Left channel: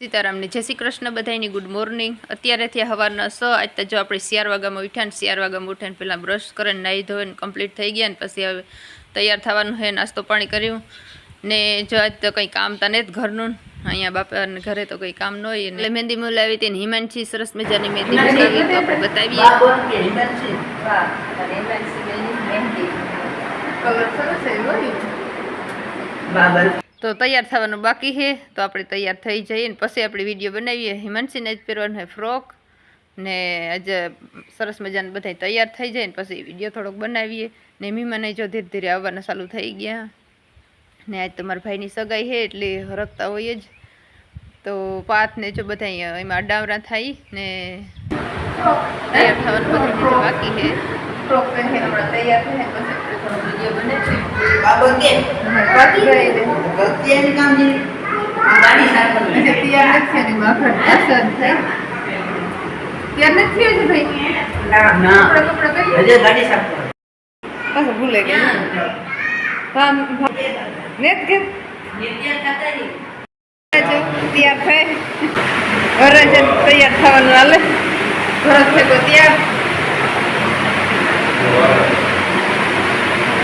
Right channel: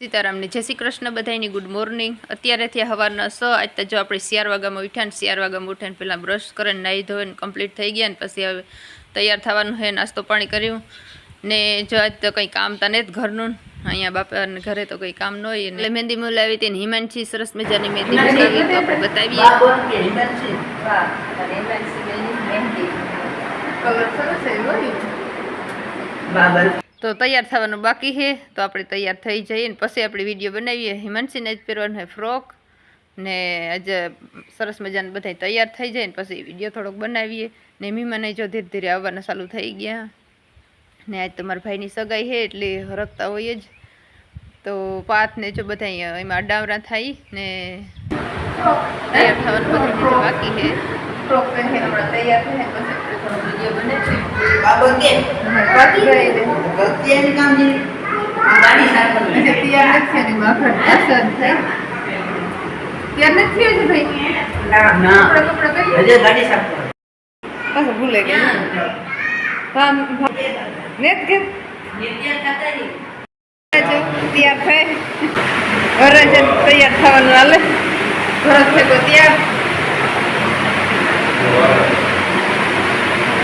સીતારામને. જય શ્રી કૃષ્ણ બધાની ગુડ મોર્નિંગ. અત્યારેથી હવારના સ, આજ જો આપણે શિયાર વાગામાં ઉઠ્યા ને શિયાર વાગામાં ઉઠીને પહેલાં બ્રશ કરીને નાહી ધોઈને કમ્પ્લીટ થઈ ગયા ને, પછી હવે તૈયાર થવાનું છે નાસ્તો પાણી કર્યું ને જો આજ તો કંઈ કામ તા ને જ ઘરનું. અહીંયા બાપાને ઘરે તો કંઈ કામ ન હોય. એટલે મહેંદી મુલાવી હતી ને, હિમાંશી સરસ મજાની મહેંદી મુલાવી તો આપણે બતાવીએ. બાબર તો તૈયાર થવાનું બાકી છે. તો આપણે તૈયાર થઈ જઈએ ને પછી આપણે વીડિયો બનાવીએ. હિમાંશીને જ પહેરવાનું હોય ફ્રોક ને આજે સરસ મજાને બધા તૈયાર થઈ જાય ને પછી વીડિયો થોડોક બનાવીએ. ને મીમાને જો ધીરે ધીરે આવવાના ચાલુ થઈ ગયા. ને આજ તમારા ભાઈની સગાઈ છે એટલે હરકતા હોય જ. તો પાથ ને જો બધા એમાં અડાવરા થાય ને તૈયાર થવાનું બધું બીજું બાકી છે. ફ્રોક પહેરીને હમણાં તૈયાર થાય પછી વીડિયો બને છે બાબર કે પાકી ગઈ ને ગતિયાની કામ જે ગાડી સાફ કરી એટલે તૈયાર નથી થયા ને માખણ પસંદ થાય તૈયાર નથી થયો છે ભાઈ ના ના કપડાં કપડાં પહેરી હજે ગાડી સાફ કરો પાછું ભૂલે ગયા ભામ ને કે તૈયાર થાય ઘરે છે ને તૈયાર થવાનું હાલે ઘર છે તો તૈયાર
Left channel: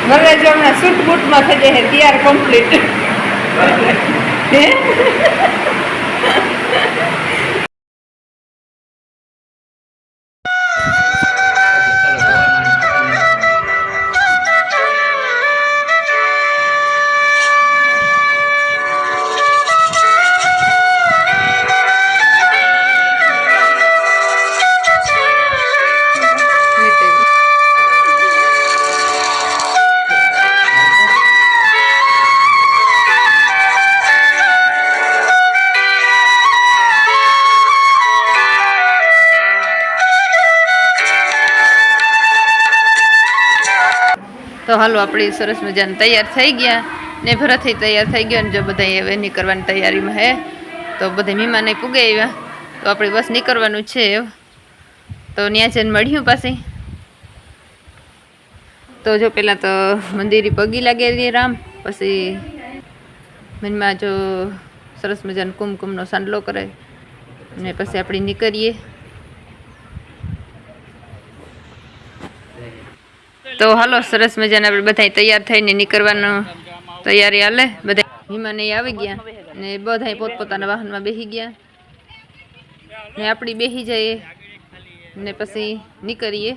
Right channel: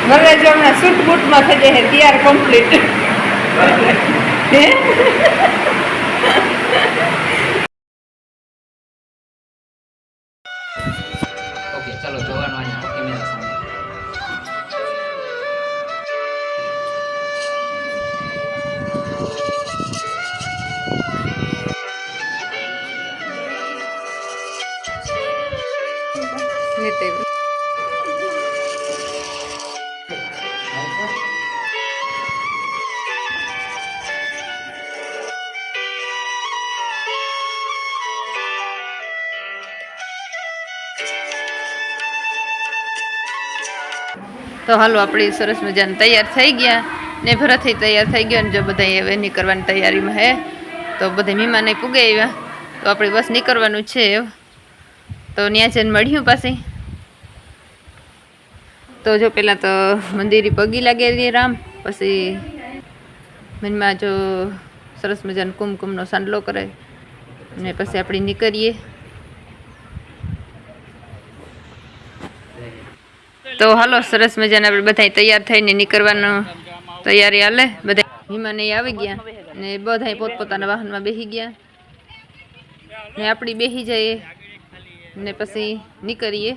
ઘરે જો હમણાં સૂટ બૂટમાં થઈ જાય તૈયાર કમ્પ્લીટ હે? તો હાલો આપણી સરસ મજાને તૈયાર થઈ ગયા ને ભરતથી તૈયાર થઈ ગયો ને જો બધા હવે નીકળવાની તૈયારીમાં હે, તો બધા મહેમાને પૂગે આવ્યા. તો આપણે બસ નીકળવાનું છે. તો ત્યાં જઈને મળ્યું પાછી. તો જો પહેલાં તો મંદિરે પગી લાગેલી રામ, પછી મનમાં જો સરસ મજાનો કુમકુમનો સાંડલો કરે ને પછી આપણે નીકળીએ. તો હાલો, સરસ મજાના આપણે બધા તૈયાર થઈને નીકળવાનું તૈયારી હાલે. બધા હિમાને આવી ગયા ને બધા પોતપોતાના વાહનમાં બેસી ગયા. ને આપણી બેસી જઈએ ને પછી નીકળીએ.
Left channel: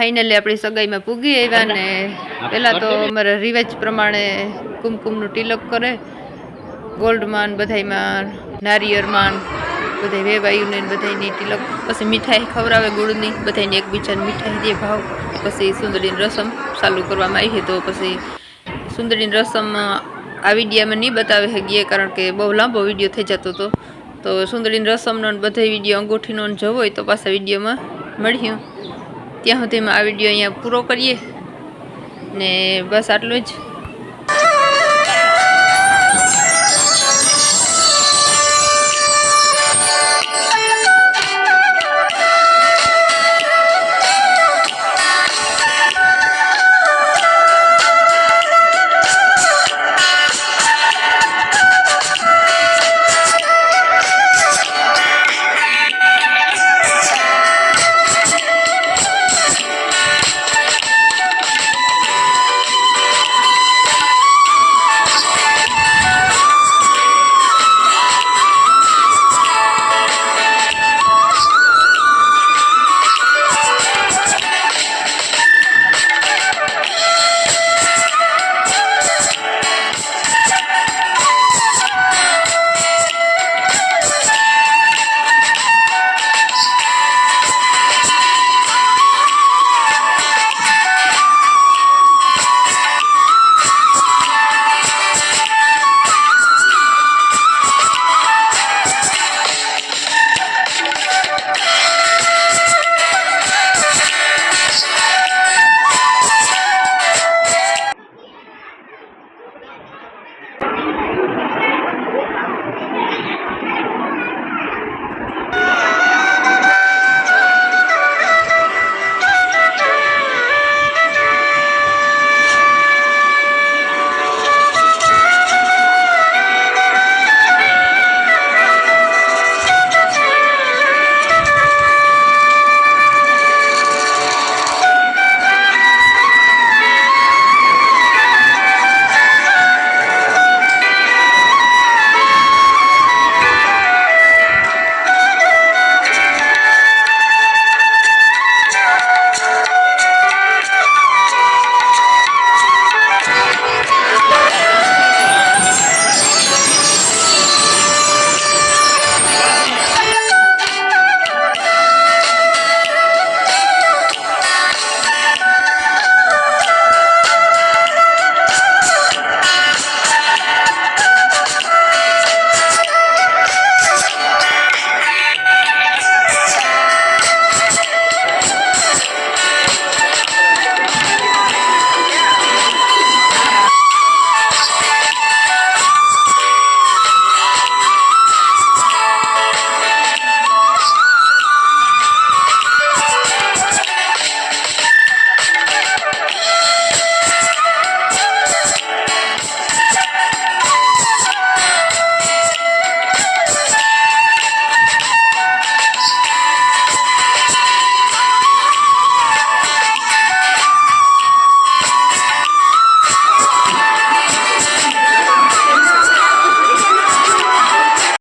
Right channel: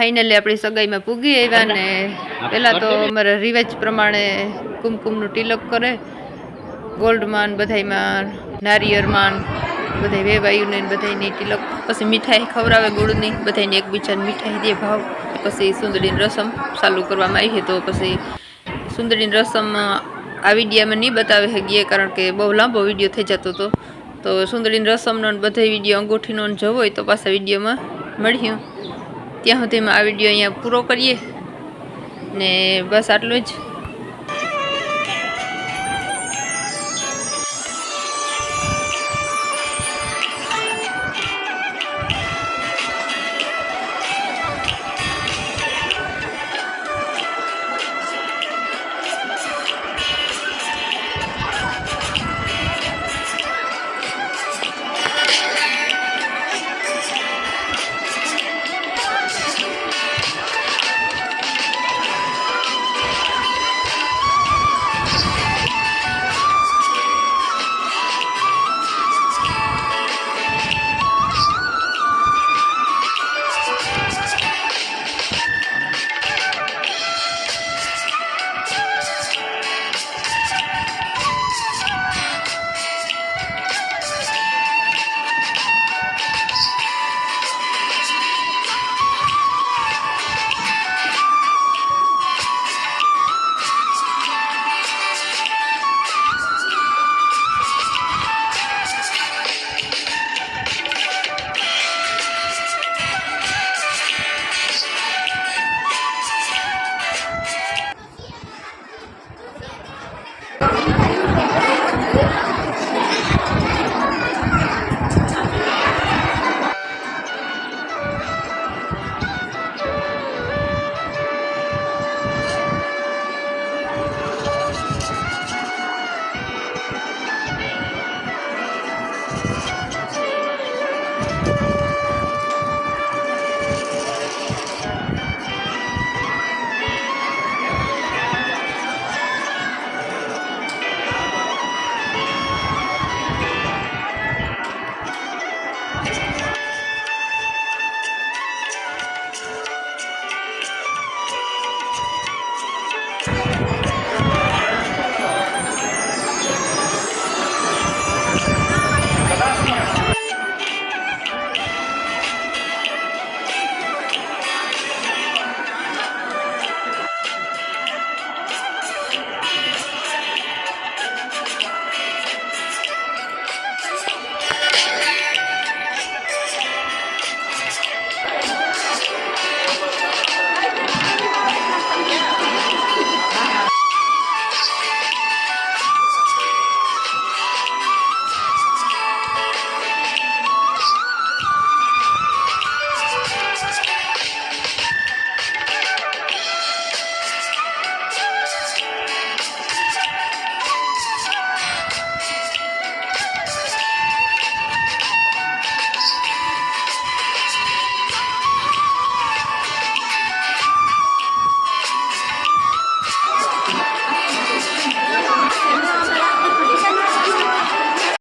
ફાઇનલી આપણી સગાઈમાં પૂગી આવ્યા ને પહેલાં તો અમારા રિવાજ પ્રમાણે કુમકુમનું તિલક કરે ગોલ્ડમાં બધાયમાં નારિયેળમાં બધાય વેવાયુને ને બધાયની તિલક પછી મીઠાઈ ખવડાવે ગુળની બધાને એકબીજાને મીઠાઈ દે ભાવ પછી સુંદરીની રસમ ચાલુ કરવામાં આવી તો પછી સુંદરીની રસમ આ વિડીયામાં નહીં બતાવે શકીએ કારણ કે બહુ લાંબો વીડિયો થઈ જતો હતો. તો સુંદરીની રસમનો ને બધા વીડિયો અંગૂઠીનો જવો હોય તો પાછા વિડીયોમાં મળ્યું ત્યાં સુધીમાં આ વીડિયો અહીંયા પૂરો કરીએ ને બસ આટલું જ.